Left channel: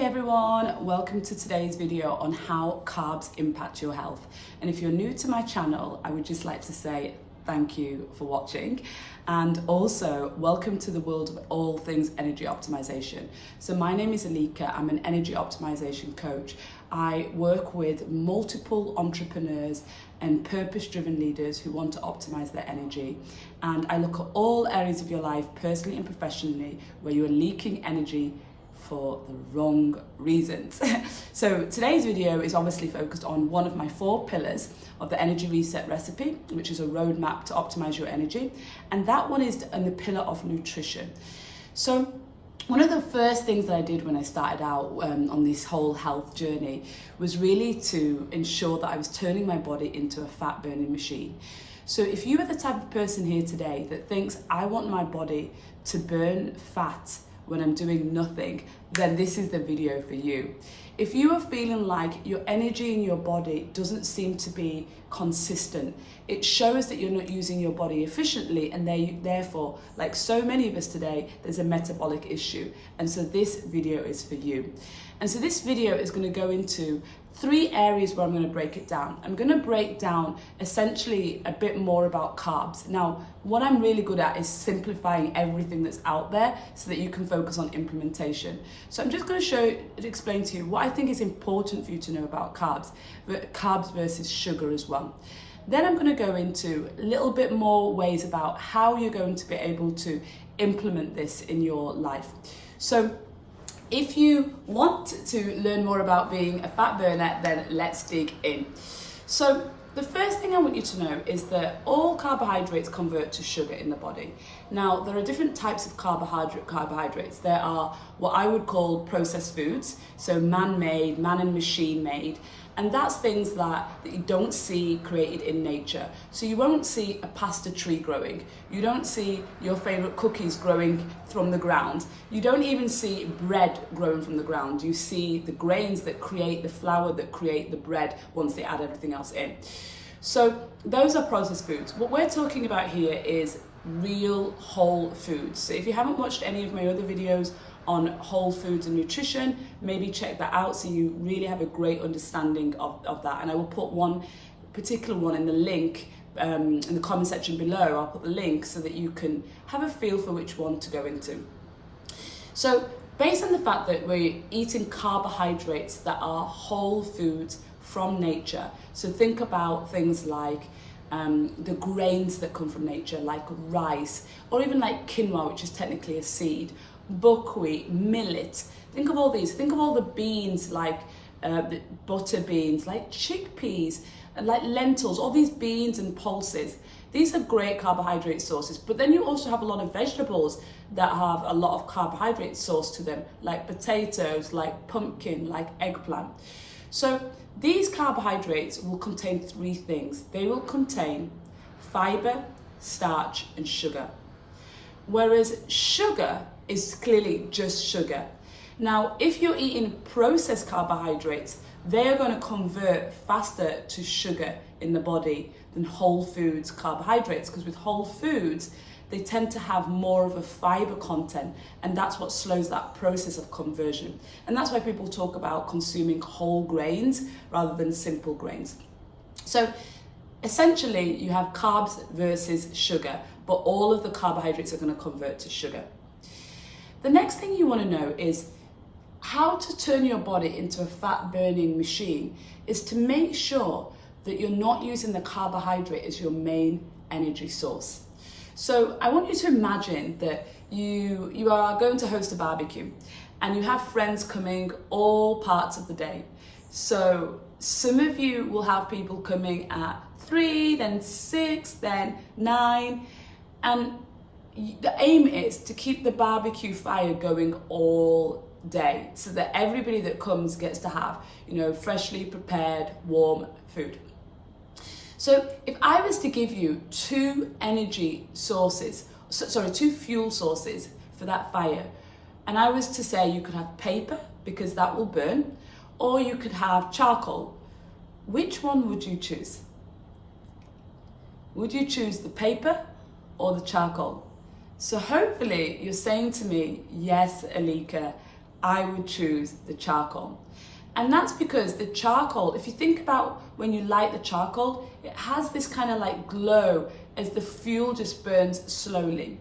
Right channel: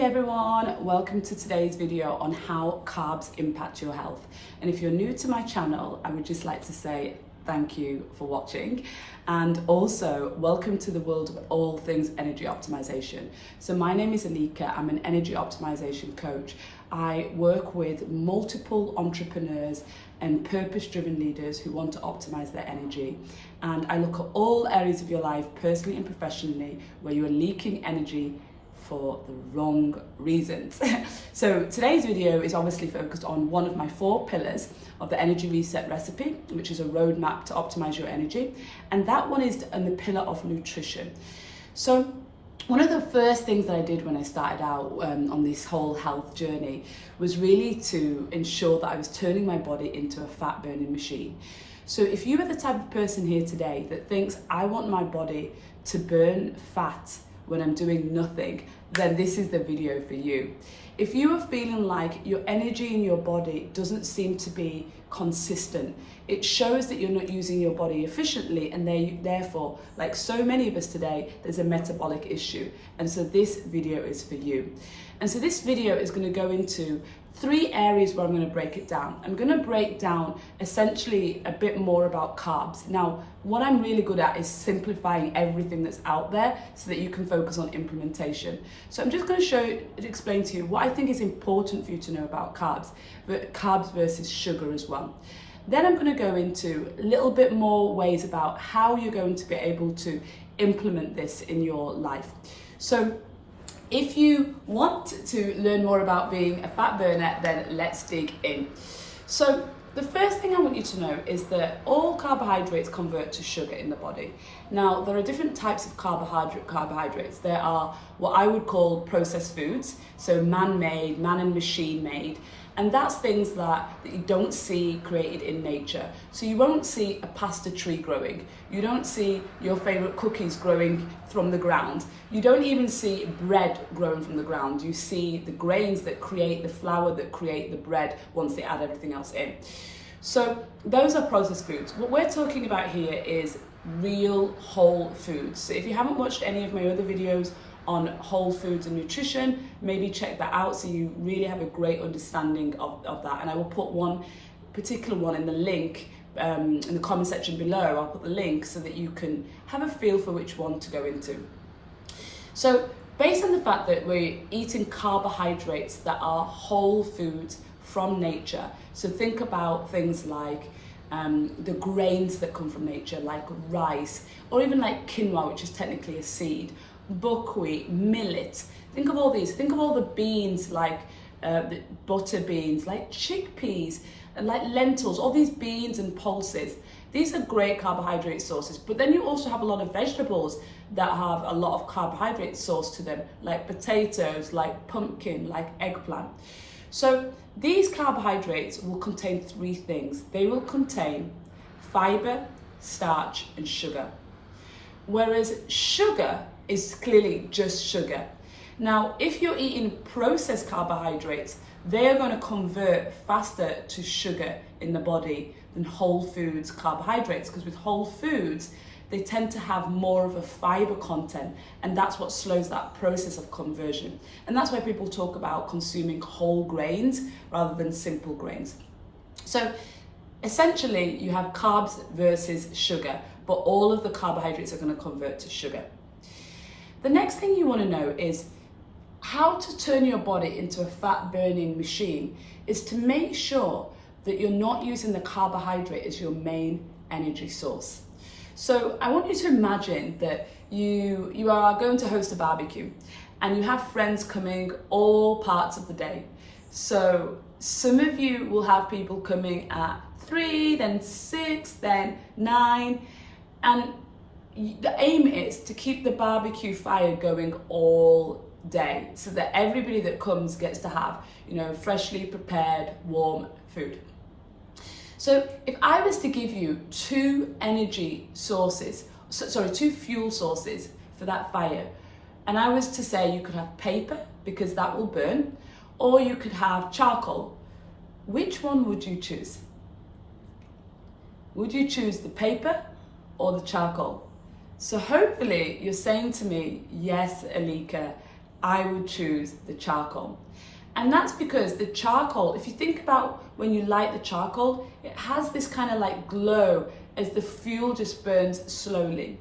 Hey everyone, welcome to today's video on how carbs impact your health. And if you're new to my channel, I would just like to say thank you for watching, and also welcome to the world of all things energy optimization. So my name is Elika, I'm an energy optimization coach. I work with multiple entrepreneurs and purpose-driven leaders who want to optimize their energy. And I look at all areas of your life, personally and professionally, where you are leaking energy for the wrong reasons. So today's video is obviously focused on one of my 4 pillars of the energy reset recipe, which is a roadmap to optimize your energy. And that one is on the pillar of nutrition. So one of the first things that I did when I started out on this whole health journey was really to ensure that I was turning my body into a fat burning machine. So if you are the type of person here today that thinks I want my body to burn fat when I'm doing nothing, then this is the video for you. If you are feeling like your energy in your body doesn't seem to be consistent, it shows that you're not using your body efficiently, and therefore, like so many of us today, there's a metabolic issue. And so this video is for you. And so this video is going to go into 3 areas where I'm going to break it down. I'm going to break down essentially a bit more about carbs. Now, what I'm really good at is simplifying everything that's out there so that you can focus on implementation. So I'm just going to explain to you what I think is important for you to know about carbs versus sugar as well. Then I'm going to go into a little bit more ways about how you're going to be able to implement this in your life. So if you want to learn more about being a fat burner, then let's dig in. So the first thing I want you to know is that all carbohydrates convert to sugar in the body. Now, there are different types of carbohydrates. There are what I would call processed foods, so man-made, man and machine-made, and that's things that you don't see created in nature. So you won't see a pasta tree growing. You don't see your favorite cookies growing from the ground. You don't even see bread growing from the ground. You see the grains that create the flour that create the bread once they add everything else in. So those are processed foods. What we're talking about here is real whole foods. So if you haven't watched any of my other videos on whole foods and nutrition, maybe check that out so you really have a great understanding of that. And I will put one particular one in the link in the comment section below. I'll put the link so that you can have a feel for which one to go into. So based on the fact that we're eating carbohydrates that are whole foods from nature, so think about things like the grains that come from nature, like rice, or even like quinoa, which is technically a seed, buckwheat, millet. Think of all these. Think of all the beans, like the butter beans, like chickpeas, and like lentils, all these beans and pulses. These are great carbohydrate sources. But then you also have a lot of vegetables that have a lot of carbohydrate source to them, like potatoes, like pumpkin, like eggplant. So these carbohydrates will contain 3 things. They will contain fiber, starch, and sugar. Whereas sugar is clearly just sugar. Now, if you're eating processed carbohydrates, they are going to convert faster to sugar in the body than whole foods carbohydrates, because with whole foods, they tend to have more of a fiber content, and that's what slows that process of conversion. And that's why people talk about consuming whole grains rather than simple grains. So essentially, you have carbs versus sugar, but all of the carbohydrates are going to convert to sugar. The next thing you want to know is how to turn your body into a fat burning machine is to make sure that you're not using the carbohydrate as your main energy source. So I want you to imagine that you are going to host a barbecue and you have friends coming all parts of the day. So some of you will have people coming at 3, then 6, then 9, and the aim is to keep the barbecue fire going all day so that everybody that comes gets to have, freshly prepared, warm food. So if I was to give you 2 fuel sources for that fire, and I was to say you could have paper because that will burn, or you could have charcoal, which one would you choose? Would you choose the paper or the charcoal? So hopefully you're saying to me, yes, Elika, I would choose the charcoal. And that's because the charcoal, if you think about when you light the charcoal, it has this kind of like glow as the fuel just burns slowly.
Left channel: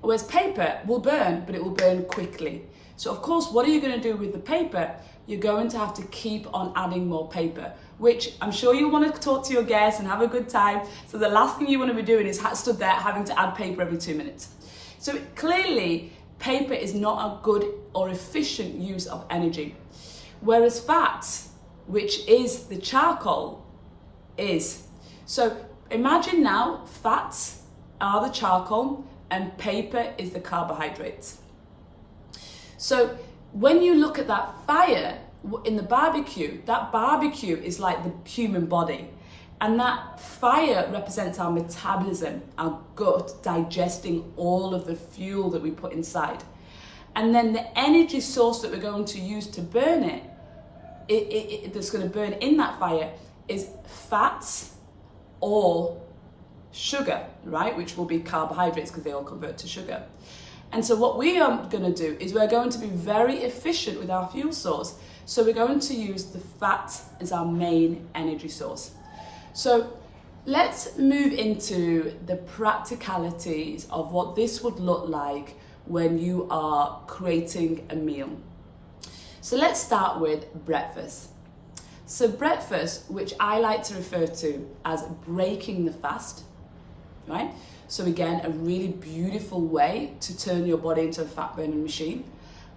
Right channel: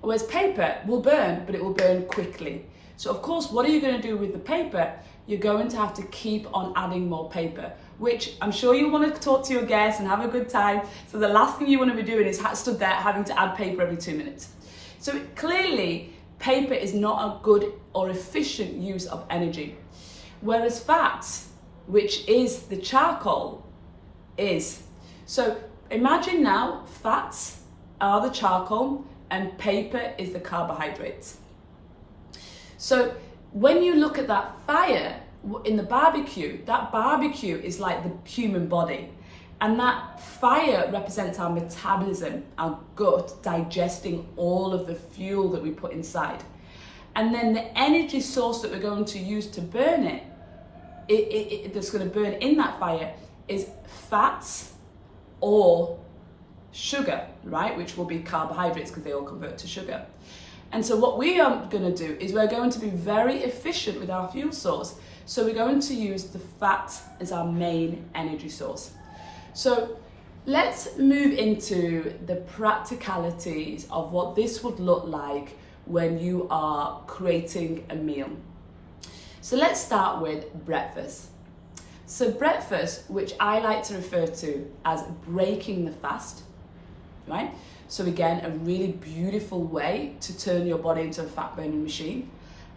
Whereas paper will burn, but it will burn quickly. So of course, what are you going to do with the paper? You're going to have to keep on adding more paper, which I'm sure you want to talk to your guests and have a good time. So the last thing you want to be doing is stood there having to add paper every 2 minutes. So clearly, paper is not a good or efficient use of energy. Whereas fats, which is the charcoal, is. So imagine now fats are the charcoal and paper is the carbohydrates. So when you look at that fire in the barbecue, that barbecue is like the human body. And that fire represents our metabolism, our gut digesting all of the fuel that we put inside. And then the energy source that we're going to use to burn it that's going to burn in that fire is fats or sugar, right? Which will be carbohydrates because they all convert to sugar. And so what we are going to do is we're going to be very efficient with our fuel source. So we're going to use the fat as our main energy source. So let's move into the practicalities of what this would look like when you are creating a meal. So let's start with breakfast. So breakfast, which I like to refer to as breaking the fast, right? So again, a really beautiful way to turn your body into a fat burning machine.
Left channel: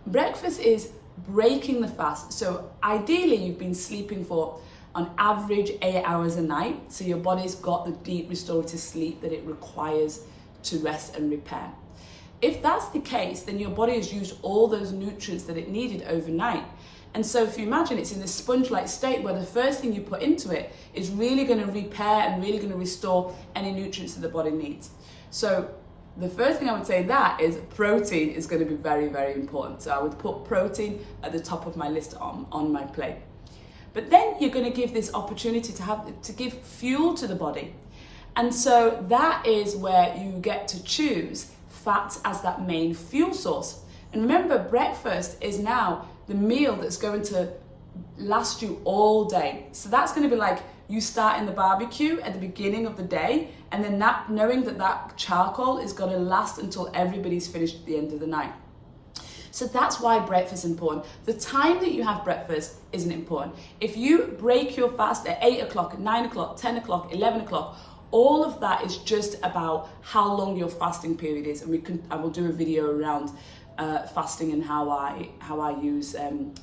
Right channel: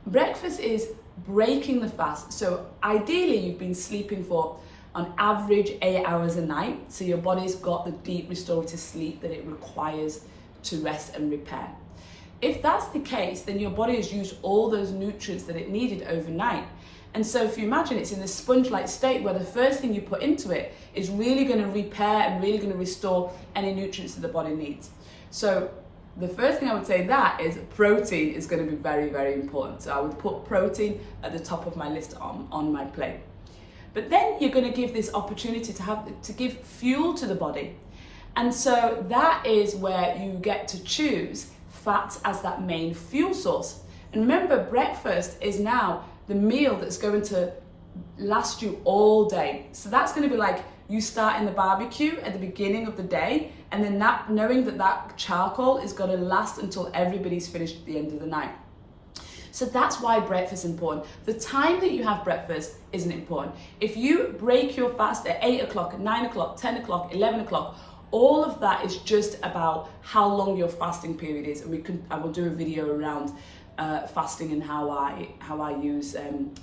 Breakfast is breaking the fast. So ideally you've been sleeping for on average 8 hours a night. So your body's got the deep restorative sleep that it requires to rest and repair. If that's the case, then your body has used all those nutrients that it needed overnight. And so if you imagine it's in a sponge-like state where the first thing you put into it is really going to repair and really going to restore any nutrients that the body needs. So the first thing I would say that is protein is going to be very, very important. So I would put protein at the top of my list on my plate. But then you're going to give this opportunity to give fuel to the body. And so that is where you get to choose fats as that main fuel source. And remember, breakfast is now the meal that's going to last you all day. So that's going to be like you start in the barbecue at the beginning of the day, and then that knowing that charcoal is going to last until everybody's finished at the end of the night. So that's why breakfast is important. The time that you have breakfast isn't important. If you break your fast at 8 o'clock, 9 o'clock, 10 o'clock, 11 o'clock, all of that is just about how long your fasting period is. And I will do a video around fasting and how I use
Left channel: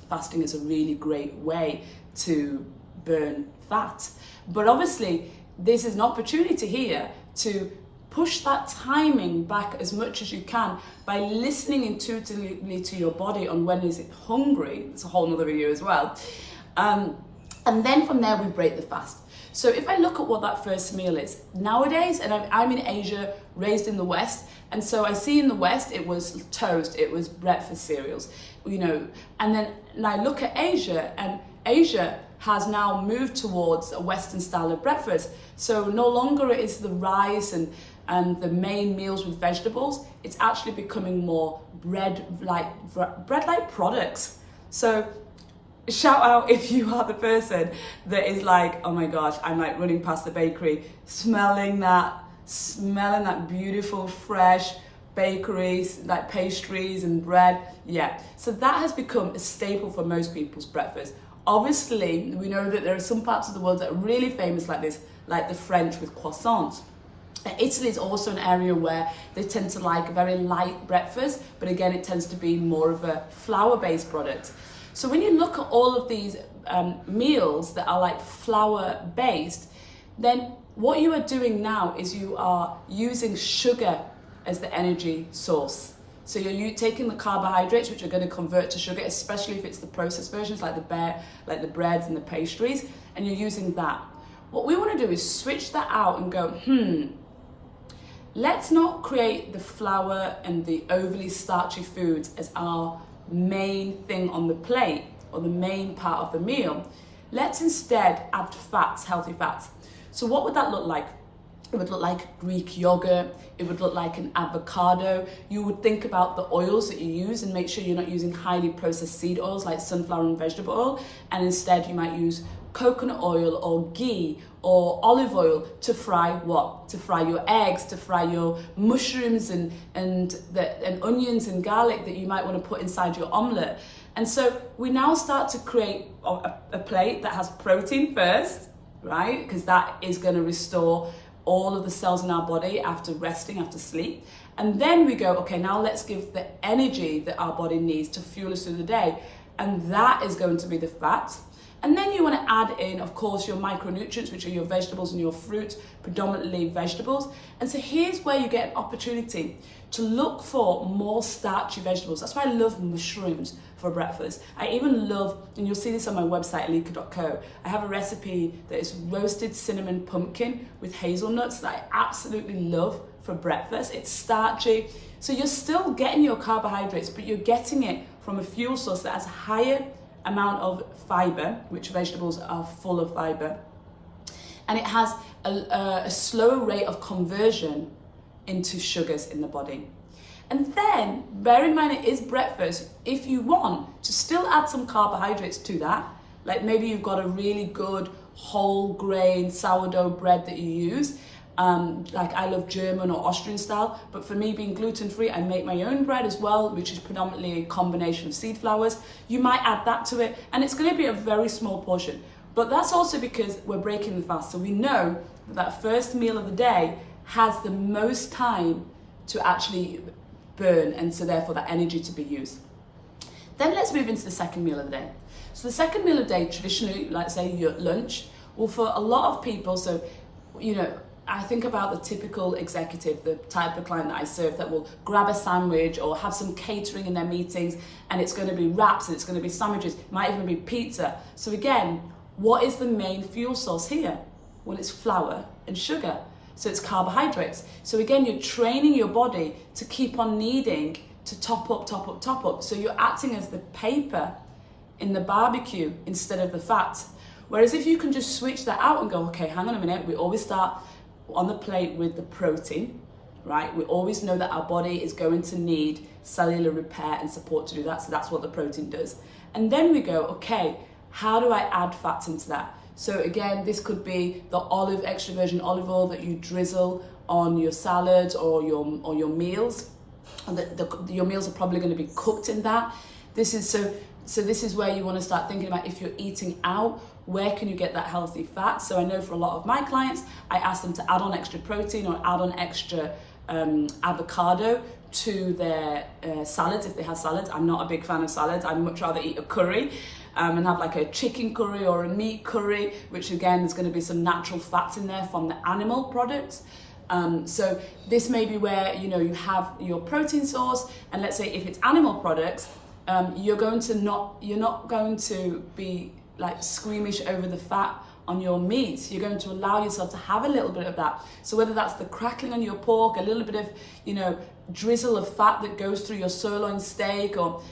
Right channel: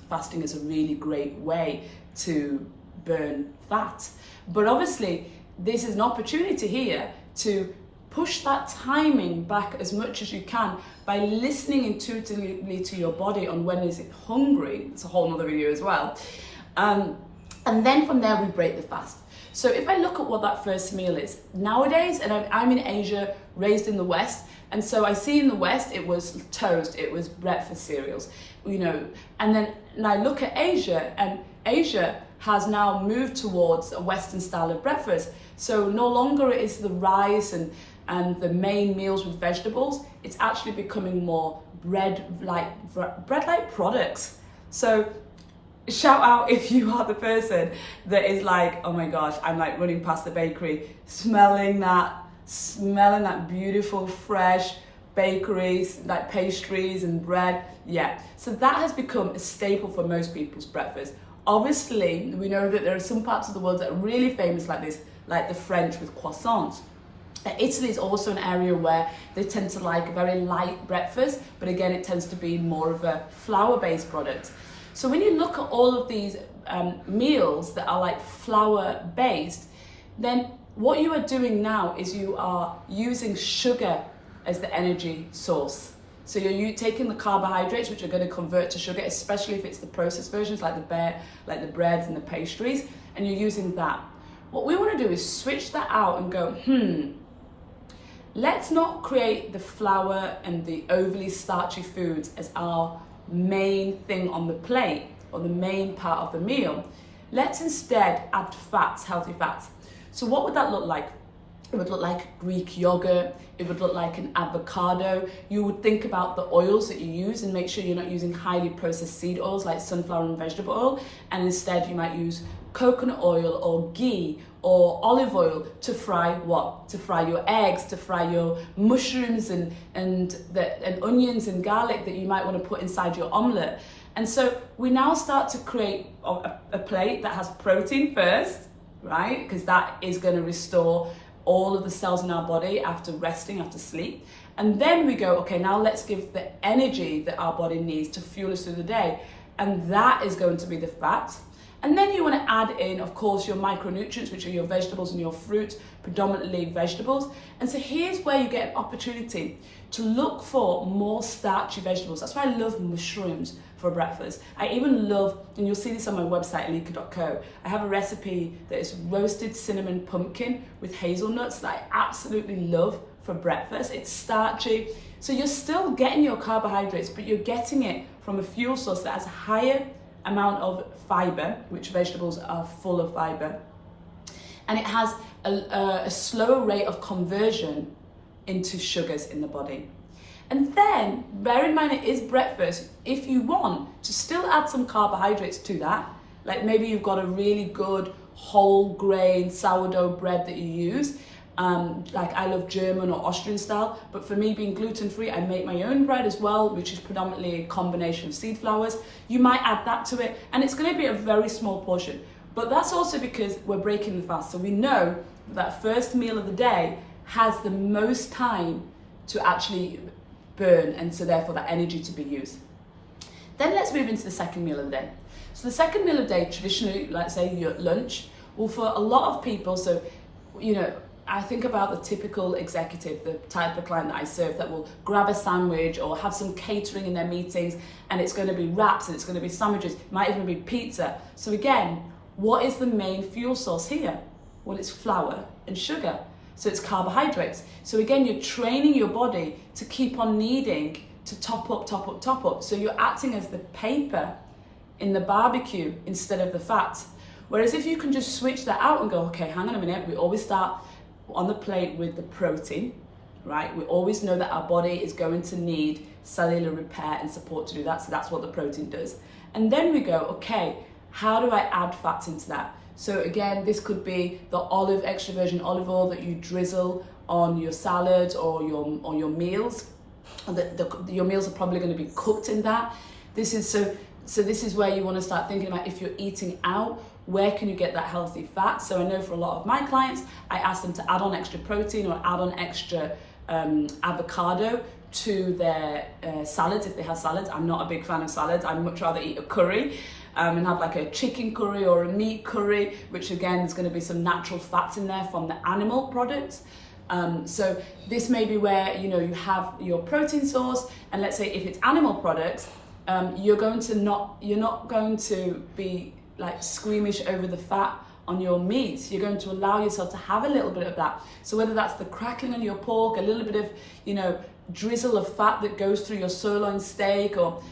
fasting as a really great way to burn fat. But obviously, this is an opportunity here to push that timing back as much as you can by listening intuitively to your body on when is it hungry. It's a whole nother video as well. And then from there, we break the fast. So if I look at what that first meal is, nowadays, and I'm in Asia, raised in the West, and so I see in the West, it was toast, it was breakfast cereals, and then I look at Asia, and Asia has now moved towards a Western style of breakfast. So no longer is the rice and the main meals with vegetables, it's actually becoming more bread-like products. So shout out if you are the person that is like, oh my gosh, I'm like running past the bakery, smelling that beautiful, fresh bakeries, like pastries and bread. Yeah, so that has become a staple for most people's breakfast. Obviously, we know that there are some parts of the world that are really famous like this, like the French with croissants. Italy is also an area where they tend to like a very light breakfast, but again, it tends to be more of a flour-based product. So when you look at all of these meals that are like flour-based, then what you are doing now is you are using sugar as the energy source. So you're taking the carbohydrates, which are going to convert to sugar, especially if it's the processed versions like the breads and the pastries, and you're using that. What we want to do is switch that out and go, let's not create the flour and the overly starchy foods as our main thing on the plate or the main part of the meal. Let's instead add fats, healthy fats. So what would that look like? It would look like Greek yogurt. It would look like an avocado. You would think about the oils that you use and make sure you're not using highly processed seed oils like sunflower and vegetable oil. And instead you might use coconut oil or ghee or olive oil to fry what? To fry your eggs, to fry your mushrooms and onions and garlic that you might want to put inside your omelette. And so we now start to create a plate that has protein first, right? Because that is going to restore all of the cells in our body after resting, after sleep. And then we go, okay, now let's give the energy that our body needs to fuel us through the day. And that is going to be the fat. And then you want to add in, of course, your micronutrients, which are your vegetables and your fruit, predominantly vegetables. And so here's where you get an opportunity to look for more starchy vegetables. That's why I love mushrooms for breakfast. I even love, and you'll see this on my website, Elika.co, I have a recipe that is roasted cinnamon pumpkin with hazelnuts that I absolutely love for breakfast. It's starchy. So you're still getting your carbohydrates, but you're getting it from a fuel source that has a higher amount of fiber, which vegetables are full of fiber. And it has a slower rate of conversion into sugars in the body. And then, bear in mind it is breakfast, if you want to still add some carbohydrates to that, like maybe you've got a really good whole grain sourdough bread that you use, like I love German or Austrian style, but for me being gluten-free, I make my own bread as well, which is predominantly a combination of seed flours. You might add that to it, and it's going to be a very small portion. But that's also because we're breaking the fast. So we know that first meal of the day has the most time to actually burn, and so therefore that energy to be used. Then let's move into the second meal of the day. So the second meal of the day, traditionally, like say your lunch, well, for a lot of people, so, you know, I think about the typical executive, the type of client that I serve that will grab a sandwich or have some catering in their meetings, and it's going to be wraps and it's going to be sandwiches, it might even be pizza. So again, what is the main fuel source here? Well, it's flour and sugar. So it's carbohydrates. So again, you're training your body to keep on needing to top up, top up, top up. So you're acting as the paper in the barbecue instead of the fat. Whereas if you can just switch that out and go, okay, hang on a minute, we always start on the plate with the protein, right? We always know that our body is going to need cellular repair and support to do that. So that's what the protein does. And then we go, okay, how do I add fats into that? So again, this could be the extra virgin olive oil that you drizzle on your salads or your meals. Your meals are probably going to be cooked in that. This is where you want to start thinking about, if you're eating out, where can you get that healthy fat? So I know for a lot of my clients, I ask them to add on extra protein or add on extra avocado to their salads if they have salads. I'm not a big fan of salads. I'd much rather eat a curry and have like a chicken curry or a meat curry, which again, there's going to be some natural fats in there from the animal products. So this may be where, you know, you have your protein source, and let's say if it's animal products, you're not going to be like squeamish over the fat on your meat. You're going to allow yourself to have a little bit of that. So whether that's the crackling on your pork, a little bit of, you know, drizzle of fat that goes through your sirloin steak, or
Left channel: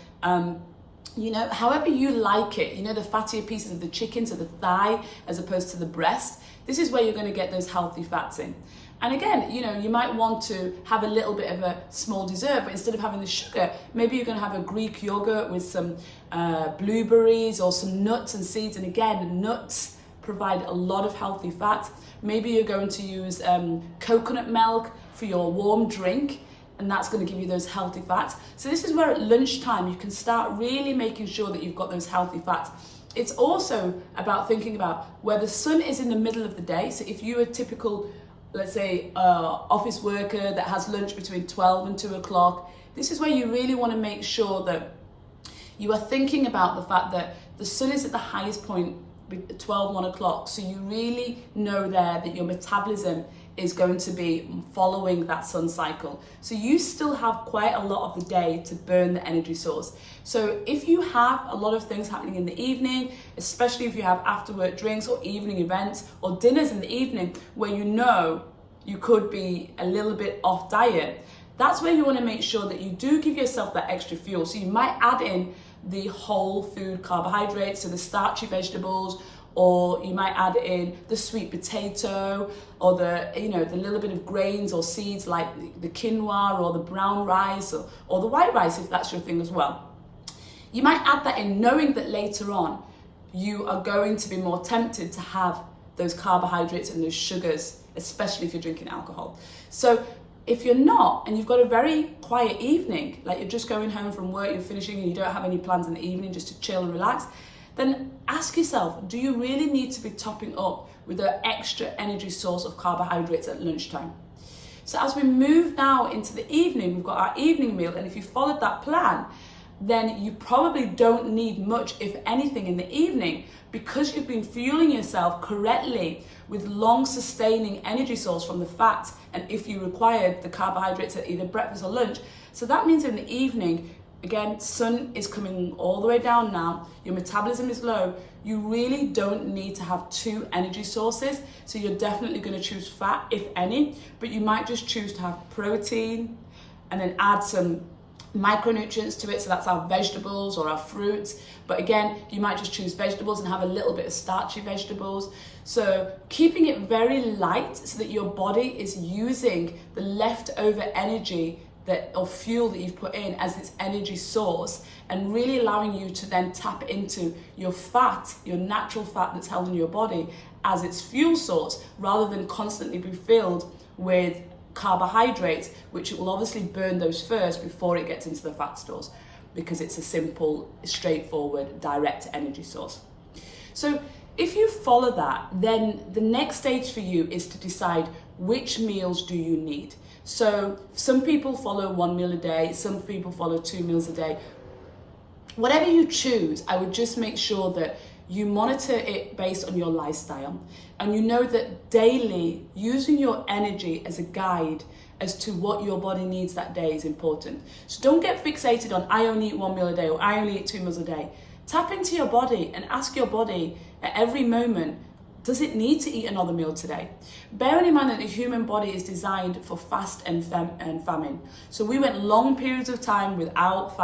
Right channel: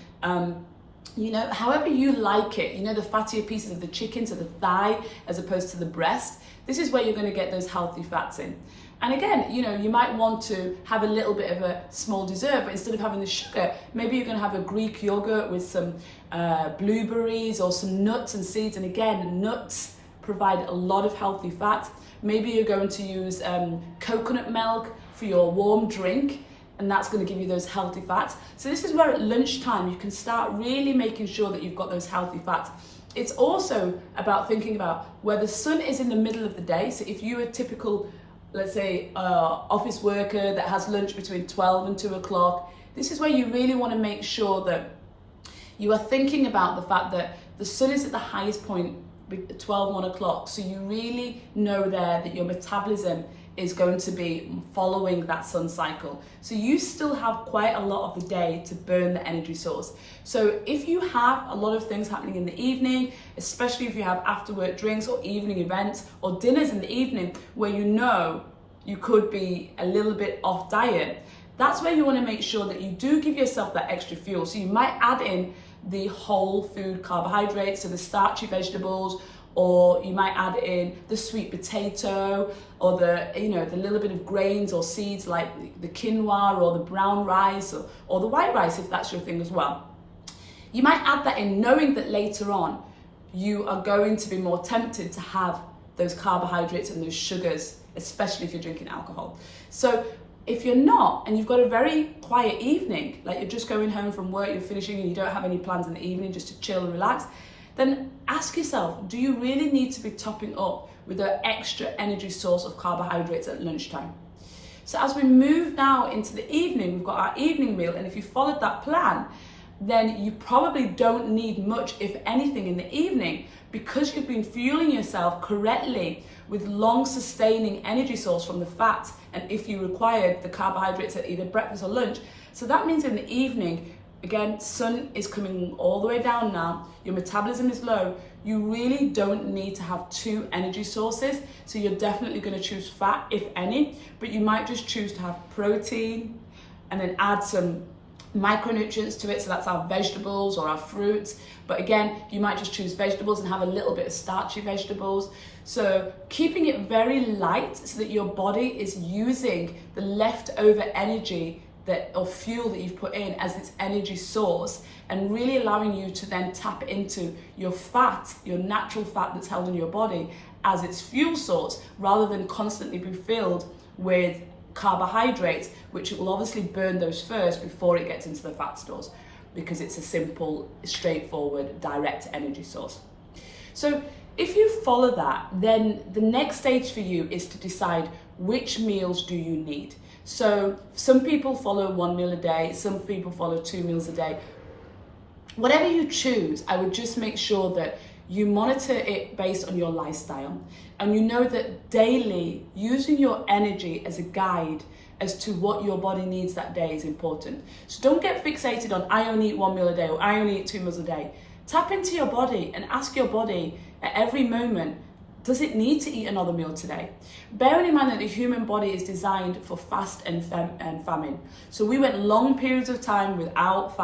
you know, however you like it, you know, the fattier pieces of the chicken, so the thigh as opposed to the breast, this is where you're going to get those healthy fats in. And again, you know, you might want to have a little bit of a small dessert, but instead of having the sugar, maybe you're going to have a Greek yogurt with some blueberries or some nuts and seeds. And again, nuts provide a lot of healthy fat. Maybe you're going to use coconut milk for your warm drink, and that's going to give you those healthy fats. So this is where at lunchtime you can start really making sure that you've got those healthy fats. It's also about thinking about where the sun is in the middle of the day. So if you're a typical, let's say, office worker that has lunch between 12 and 2 o'clock, this is where you really want to make sure that you are thinking about the fact that the sun is at the highest point at 12, 1 o'clock. So you really know there that your metabolism is going to be following that sun cycle. So you still have quite a lot of the day to burn the energy source. So if you have a lot of things happening in the evening, especially if you have after work drinks or evening events or dinners in the evening where you know you could be a little bit off diet, that's where you want to make sure that you do give yourself that extra fuel. So you might add in the whole food carbohydrates, so the starchy vegetables, or you might add in the sweet potato, or the little bit of grains or seeds like the quinoa or the brown rice or the white rice, if that's your thing as well. You might add that in, knowing that later on you are going to be more tempted to have those carbohydrates and those sugars, especially if you're drinking alcohol. So if you're not, and you've got a very quiet evening, like you're just going home from work, you're finishing and you don't have any plans in the evening just to chill and relax, then ask yourself, do you really need to be topping up with an extra energy source of carbohydrates at lunchtime? So as we move now into the evening, we've got our evening meal, and if you followed that plan, then you probably don't need much, if anything, in the evening, because you've been fueling yourself correctly with long sustaining energy source from the fats, and if you required the carbohydrates at either breakfast or lunch. So that means in the evening, again, sun is coming all the way down now, your metabolism is low, you really don't need to have two energy sources. So you're definitely going to choose fat, if any, but you might just choose to have protein and then add some micronutrients to it, so that's our vegetables or our fruits. But again, you might just choose vegetables and have a little bit of starchy vegetables. So keeping it very light so that your body is using the leftover energy or fuel that you've put in as its energy source, and really allowing you to then tap into your fat, your natural fat that's held in your body, as its fuel source, rather than constantly be filled with carbohydrates, which will obviously burn those first before it gets into the fat stores, because it's a simple, straightforward, direct energy source. So if you follow that, then the next stage for you is to decide which meals do you need. So some people follow 1 meal a day, some people follow 2 meals a day. Whatever you choose, I would just make sure that you monitor it based on your lifestyle, and you know that daily using your energy as a guide as to what your body needs that day is important. So don't get fixated on, I only eat 1 meal a day, or I only eat 2 meals a day. Tap into your body and ask your body at every moment, does it need to eat another meal today? Bearing in mind that the human body is designed for fast and famine. So we went long periods of time without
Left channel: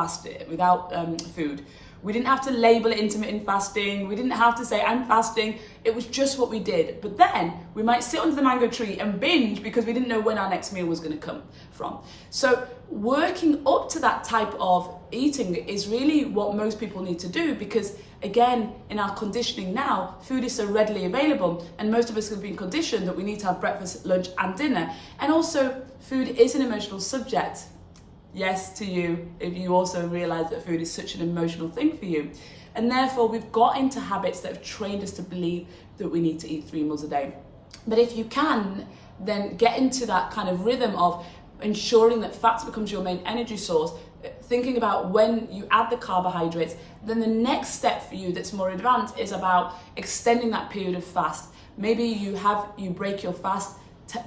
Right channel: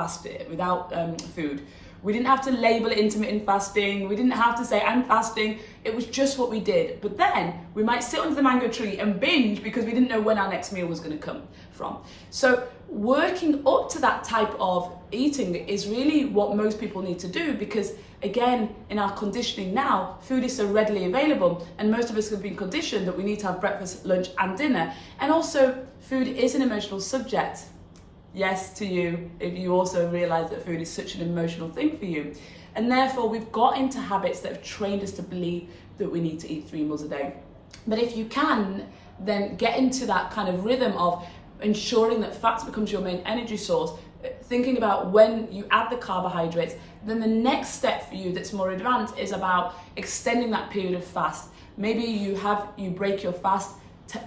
food. We didn't have to label it intermittent fasting. We didn't have to say, I'm fasting. It was just what we did. But then we might sit under the mango tree and binge because we didn't know when our next meal was going to come from. So working up to that type of eating is really what most people need to do, because again, in our conditioning now, food is so readily available, and most of us have been conditioned that we need to have breakfast, lunch and dinner. And also, food is an emotional subject. Yes to you, if you also realize that food is such an emotional thing for you. And therefore, we've got into habits that have trained us to believe that we need to eat 3 meals a day. But if you can, then get into that kind of rhythm of ensuring that fats becomes your main energy source, thinking about when you add the carbohydrates, then the next step for you that's more advanced is about extending that period of fast. Maybe you break your fast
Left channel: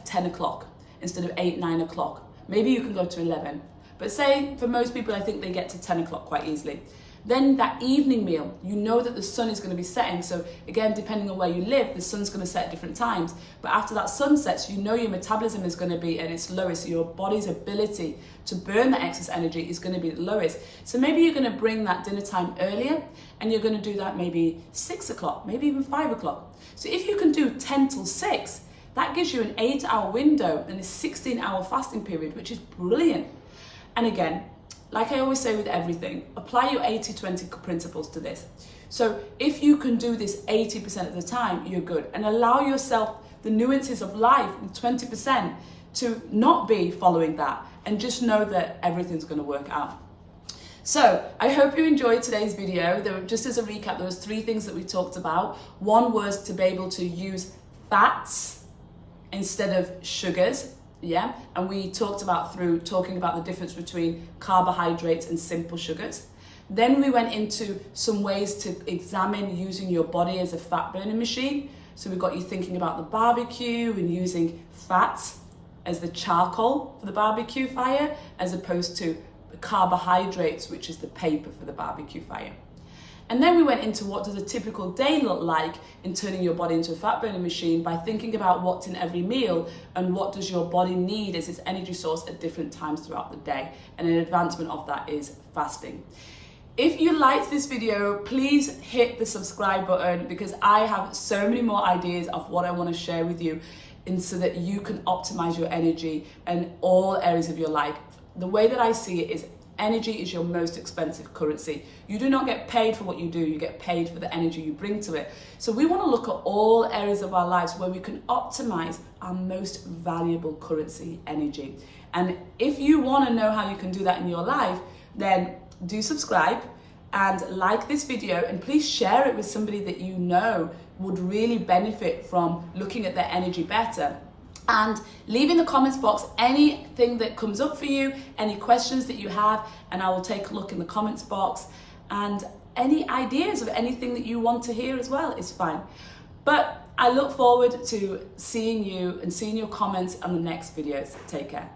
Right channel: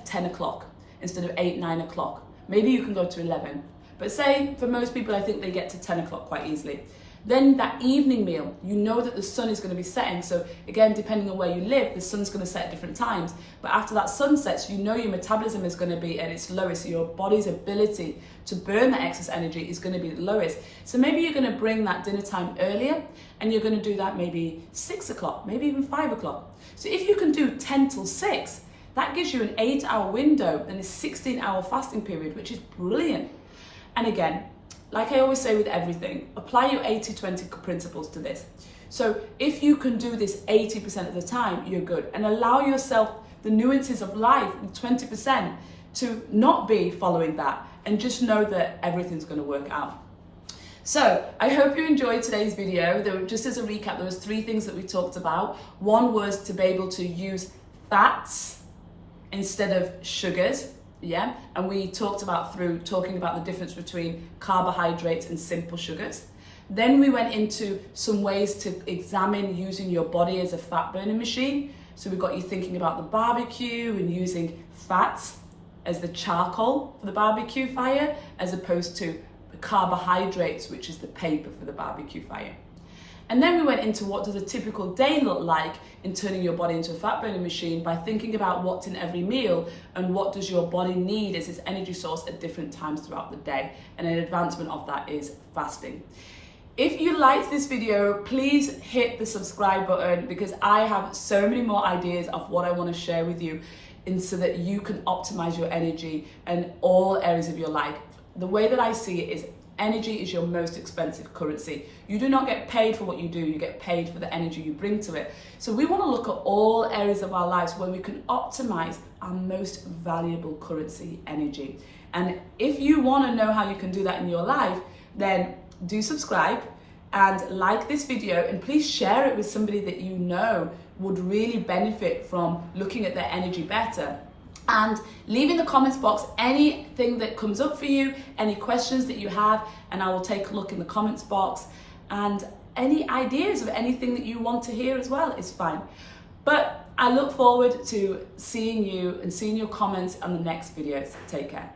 10 o'clock instead of 8, 9 o'clock. Maybe you can go to 11. But say for most people, I think they get to 10 o'clock quite easily. Then that evening meal, you know that the sun is going to be setting. So again, depending on where you live, the sun's going to set at different times. But after that sun sets, you know your metabolism is going to be at its lowest. So your body's ability to burn that excess energy is going to be the lowest. So maybe you're going to bring that dinner time earlier, and you're going to do that maybe 6 o'clock, maybe even 5 o'clock. So if you can do 10 till 6, that gives you an 8-hour window and a 16-hour fasting period, which is brilliant. And again, like I always say with everything, apply your 80-20 principles to this. So if you can do this 80% of the time, you're good. And allow yourself the nuances of life, 20%, to not be following that, and just know that everything's going to work out. So I hope you enjoyed today's video. Just as a recap, there was 3 things that we talked about. One was to be able to use fats instead of sugars. Yeah, and we talked about talking about the difference between carbohydrates and simple sugars. Then we went into some ways to examine using your body as a fat burning machine. So we got you thinking about the barbecue and using fats as the charcoal for the barbecue fire, as opposed to carbohydrates, which is the paper for the barbecue fire. And then we went into what does a typical day look like in turning your body into a fat burning machine by thinking about what's in every meal and what does your body need as its energy source at different times throughout the day. And an advancement of that is fasting. If you liked this video, please hit the subscribe button because I have so many more ideas of what I want to share with you and so that you can optimize your energy in all areas of your life. The way that I see it is energy is your most expensive currency. You do not get paid for what you do, you get paid for the energy you bring to it. So we want to look at all areas of our lives where we can optimize our most valuable currency, energy. And if you want to know how you can do that in your life, then do subscribe and like this video, and please share it with somebody that you know would really benefit from looking at their energy better. And leave in the comments box anything that comes up for you, any questions that you have, and I will take a look in the comments box. And any ideas of anything that you want to hear as well is fine. But I look forward to seeing you and seeing your comments on the next videos. Take care.